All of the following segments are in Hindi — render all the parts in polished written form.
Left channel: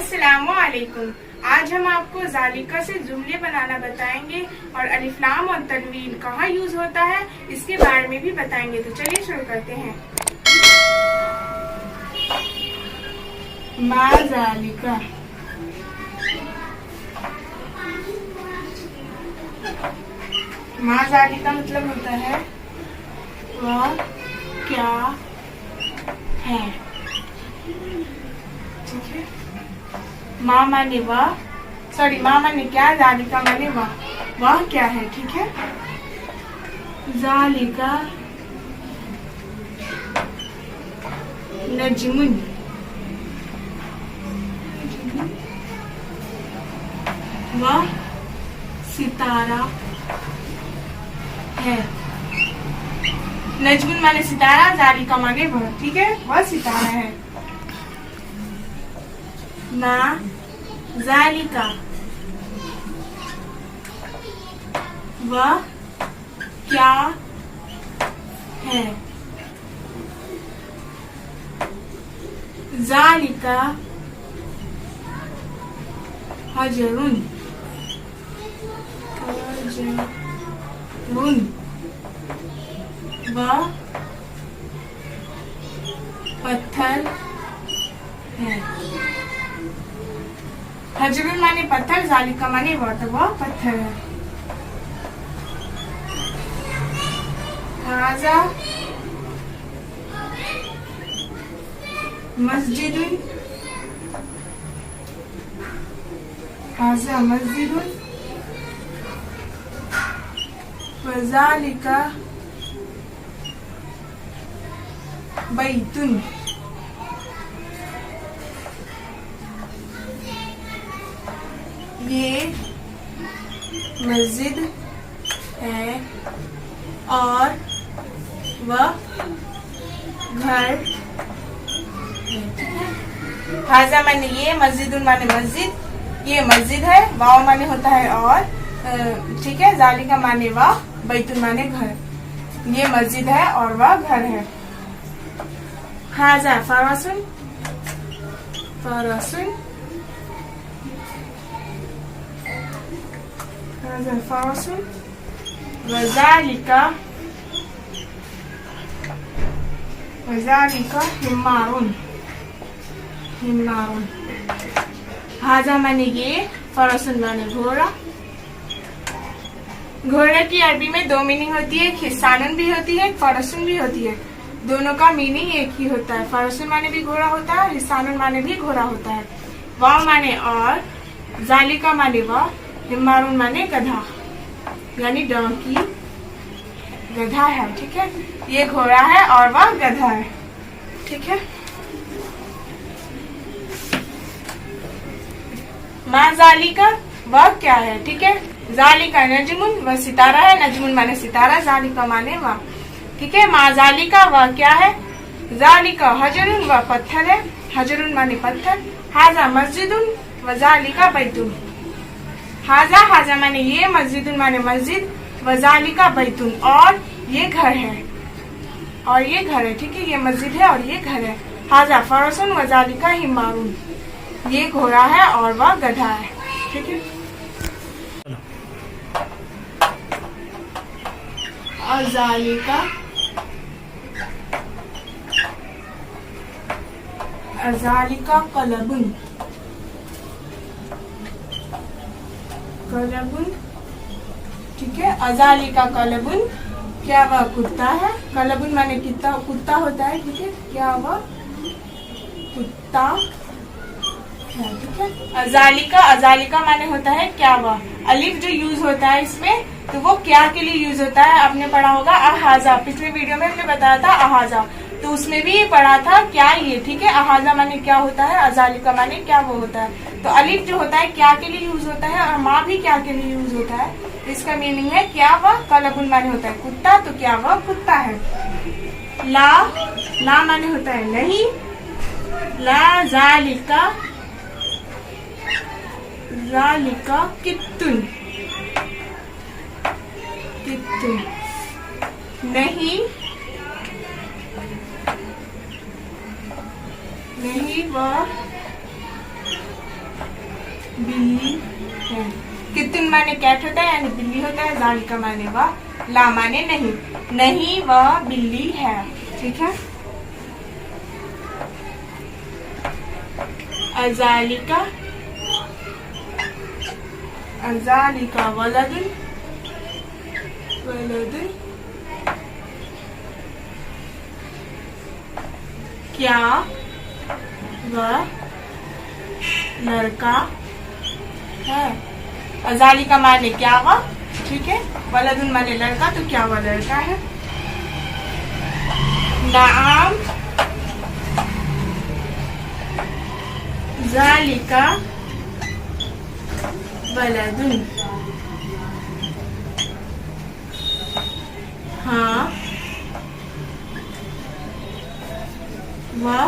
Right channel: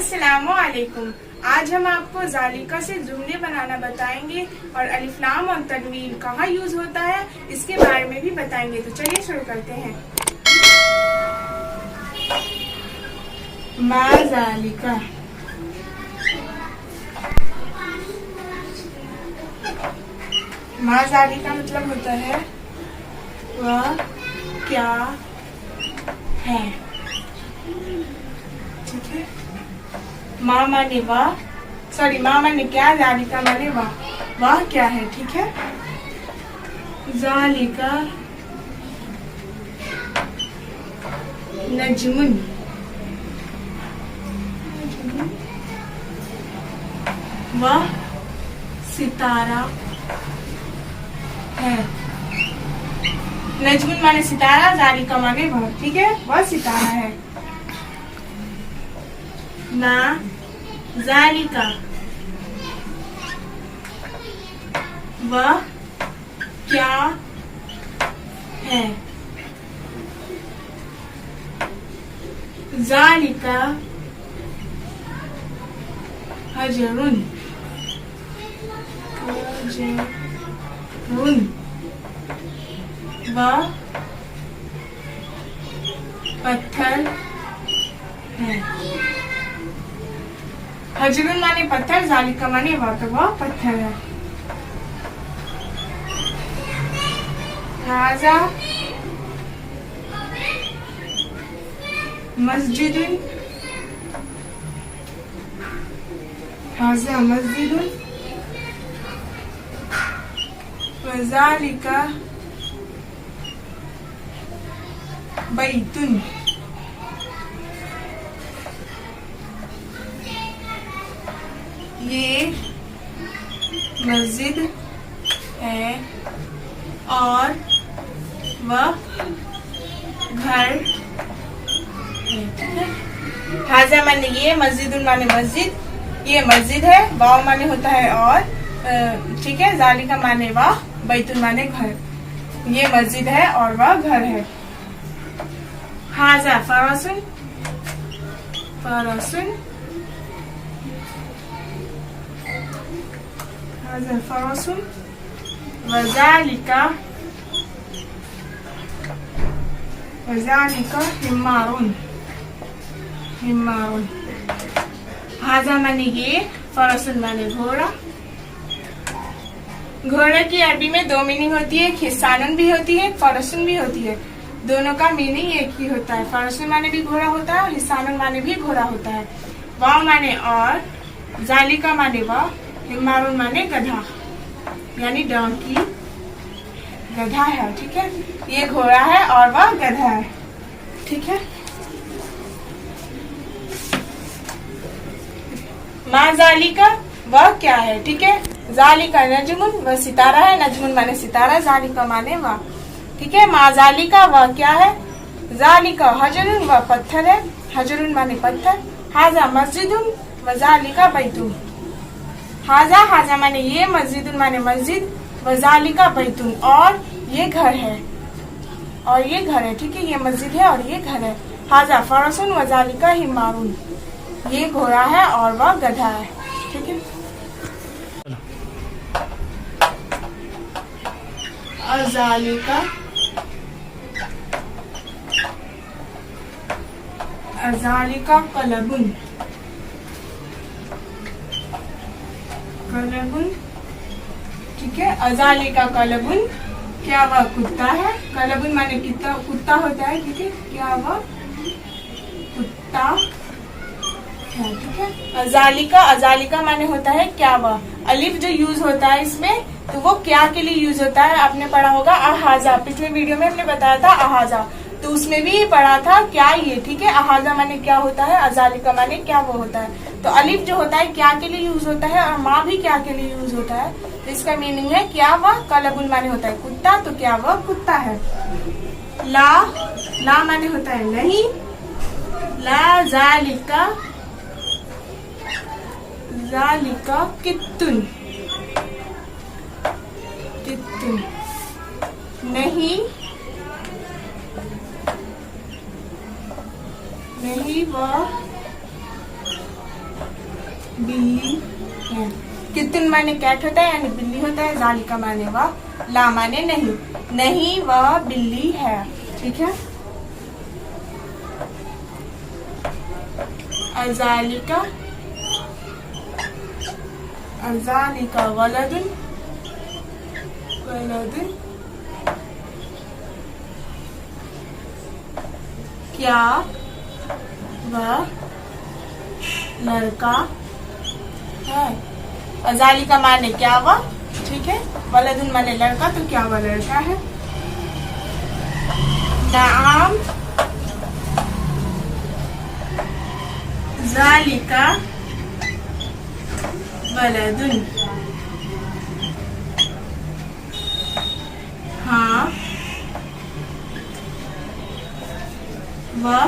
अस्सलामुअलैकुम। आज हम आपको ज़ालिका से जुमले बनाना बताएंगे और अलिफ लाम और तनवीन कहाँ यूज होता है इसके बारे में भी बताएंगे। तो चलिए शुरू करते हैं। मा ज़ालिका, मा ज़ालिका मतलब होता है वह क्या है। ठीक है, माँ माने वाह, सॉरी माँ माने क्या, ज़ालिका माने वाह, वाह क्या है। ठीक है, ज़ालिका नजमुन, वह सितारा है। नजमुन माने सितारा, ज़ालिका माने वह। ठीक है, वह सितारा है। ना ज़ालिका, वह क्या है। ज़ालिका हजरुन, वह पत्थर है। हजरुन माने पत्थर, ज़ालिका माने वह, तो वह पत्थर है। हाजा मस्जिदुन, हाजा मस्जिदुन वज़ालिका बैतुन, ये मस्जिद है और वह घर है। ठीक है, हाजा माने ये, मस्जिदुन माने मस्जिद, ये मस्जिद है, वाव माने होता है और, ठीक है, ज़ालिका माने वाह, बैतुन माने घर, ये मस्जिद है और वह घर है। हाजा फरासुन, फरासुन, हाजा फरासुन वज़ालिका, वज़ालिका हिमारुन, हिमारुन। हाजा माने ये, फरासुन माने घोड़ा। घोड़ा की अरबी में दो मीनिंग होती है, हिस्सानुन भी होती है, फरासुन भी होती है। दोनों का मीनिंग एक ही होता है। फरासुन माने भी घोड़ा होता है और हिस्सानुन माने भी घोड़ा होता है। वाव माने और, ज़ालिका माने वाह, हिमारुन माने गधा, यानी डोंकी, गधा है। ठीक है, ये घोड़ा है और वह गधा है। ठीक है, मा ज़ालिका वह क्या है। ठीक है, ज़ालिका नजमुन, वह सितारा है, नजमुन माने सितारा, ज़ालिका माने वह। ठीक है, मा ज़ालिका वह क्या है। ज़ालिका हजरुन, वह पत्थर है, हजरुन माने पत्थर। हाजा मस्जिदुन व ज़ालिका बैतुन, हाजा, हाजा माने ये, मस्जिदुन माने मस्जिद, व ज़ालिका बैतुन और ये घर है, और ये घर है। ठीक है, ये मस्जिद है और ये घर है। हाजा फरासुन व ज़ालिका हिमारुन, ये घोड़ा है और वह गधा है। ठीक है, अज़ालिका, अज़ालिका कलबुन, कलबुन। ठीक है, अज़ालिका कलबुन, क्या वह कुत्ता है। कलबुन माने कितना कुत्ता होता है। ठीक है, क्या वह कुत्ता है। ठीक है, अज़ालिका, अज़ालिका माने होता है क्या वह। अलिफ जो यूज होता है इसमें, तो वो क्या के लिए यूज होता है, आपने पढ़ा होगा अहाजा। पिछले वीडियो में हमने बताया था अहाजा, तो उसमें भी पढ़ा था क्या ये। ठीक है, अहाजा माने क्या होता है, अज़ालिका माने क्या वो होता है। तो अलिफ जो होता है क्या के लिए यूज होता है और माँ भी क्या के लिए यूज होता है। तो इसका मीनिंग है क्या वह, कलबुल माने होता है कुत्ता, तो क्या वह कुत्ता है। ला, ला माने होता है नहीं, ला ज़ालिका, ज़ालिका कित्तुन, कित्तुन नहीं, नहीं वह बिल्ली है। कितुन माने कैट होता है यानी बिल्ली होता है। जालिका माने वह, ला माने नहीं, नहीं वह बिल्ली है। ठीक है। अजालिका, अजालिका वलदुन, वलदुन क्या वह लड़का है। अजालिका माने क्या वह, ठीक है। वलदुन माने लड़का, तो क्या वह लड़का है। नाम जालिका वलदुन, हाँ वह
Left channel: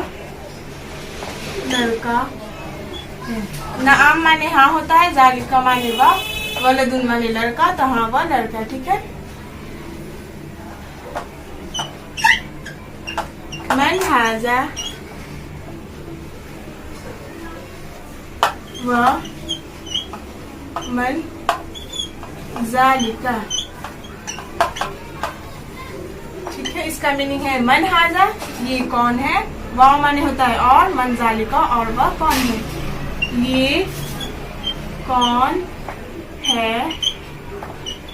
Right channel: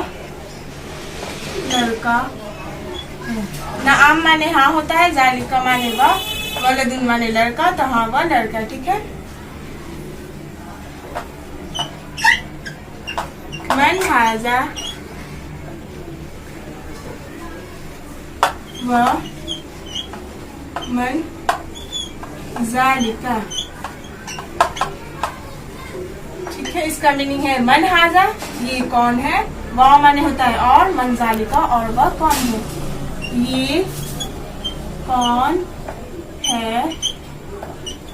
लड़का है। नाम माने हाँ होता है, जालिका माने वह, वलदुन माने लड़का, तो हाँ वह लड़का। ठीक है। मन हाजा, वह मन जालिका। ठीक है। इसका मीनिंग है मन हाजा ये कौन है, वह माने होता है और, मन जालिका और वह कौन है। ये कौन है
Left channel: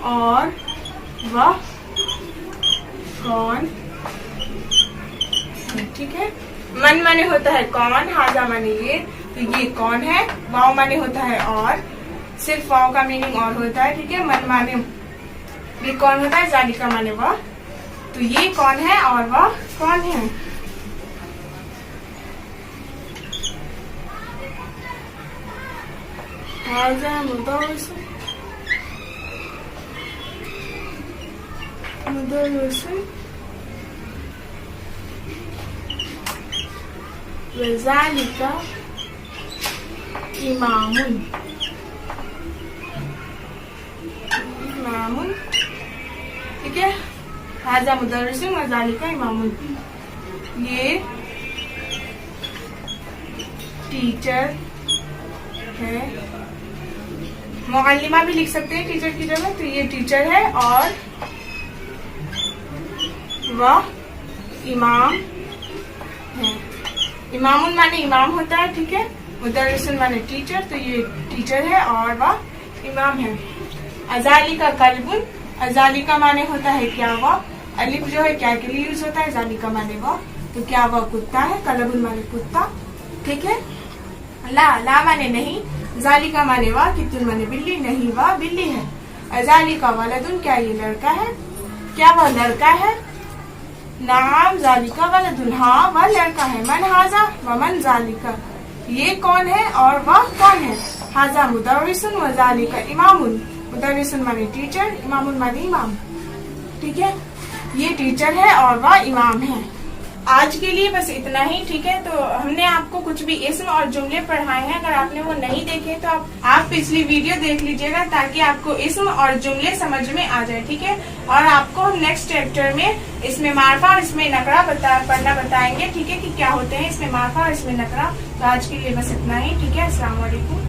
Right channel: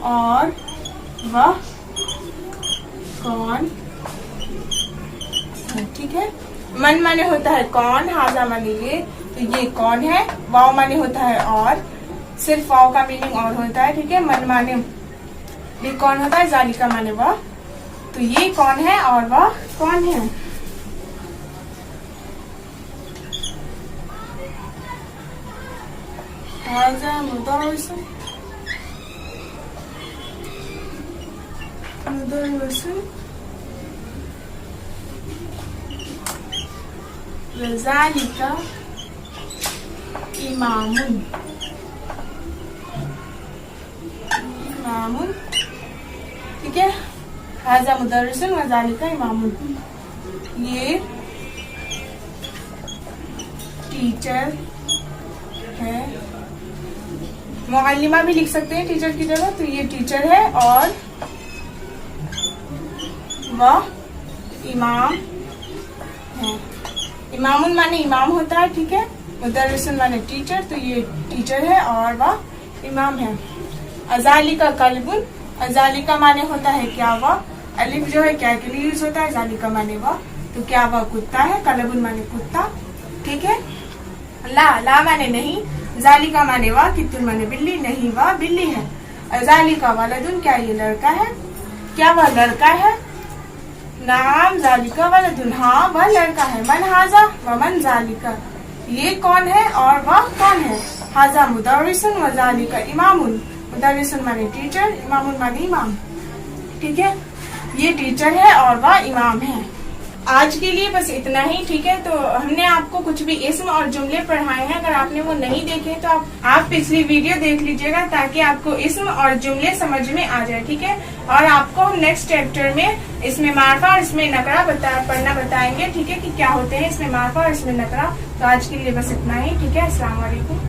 और वह कौन है। ठीक है। मन माने होता है कौन, हाजा माने ये, तो ये कौन है। वाव माने होता है और, सिर्फ वाव का मीनिंग और होता है। ठीक है। मन माने भी कौन होता है, जालिका माने वह, तो ये कौन है और वह कौन है। हाजा मुदर्रिसन, मुदर्रिसन वज़ालिका इमामुन, इमामुन। ठीक है। हाजा मुदर्रिसन वज़ालिका इमामुन, ये टीचर है। मुअल्लिमा भी लिख सकते हैं टीचर की जगह, तो ये टीचर है और वह इमाम है। इमामुन माने इमाम होता है। ठीक है। मुदर्रिसन माने टीचर, तो ये टीचर है और वह इमाम है। अजालिका कल्बुन, अजालिका माने होता है क्या वह, अलिफ जो है क्या के लिए यूज होता है, जालिका माने वह, तो क्या वह कुत्ता है। कल्बुन माने कुत्ता। ठीक है। ला माने नहीं, जालिका माने वह, कितुन माने बिल्ली, नहीं वह बिल्ली है। अजालिका वलदुन क्या ये लड़का है, क्या वह लड़का है। नाम जालिका वलदुन, हाँ वह लड़का है। मन हाजा व मन जालिका, ये कौन है और वह कौन है। हाजा मुदर्रिसन व जालिका इमामुन, मुदर्रिसन माने टीचर, इमामुन माने इमाम। ठीक है। ये टीचर है और वह इमाम है। आज के लिए बस इतना ही। ठीक है। तो हमने आपको कुछ भी इस्म और जुमले पढ़ाए हैं, अगर आपने वो नहीं देखे तो आप पिछली वीडियो देख लीजिएगा, ताकि आपको इस्म और जुमले समझ में आ जाए। ठीक है। और आपको नेक्स्ट चैप्टर में इसमें मार्फा और इसमें नकरा पढ़ना बताएंगे। ठीक है, कि क्या होते हैं इसमें मार्फा और इसमें नकरा। तो आज के लिए बस इतना ही। ठीक है। अस्सलाम वालेकुम।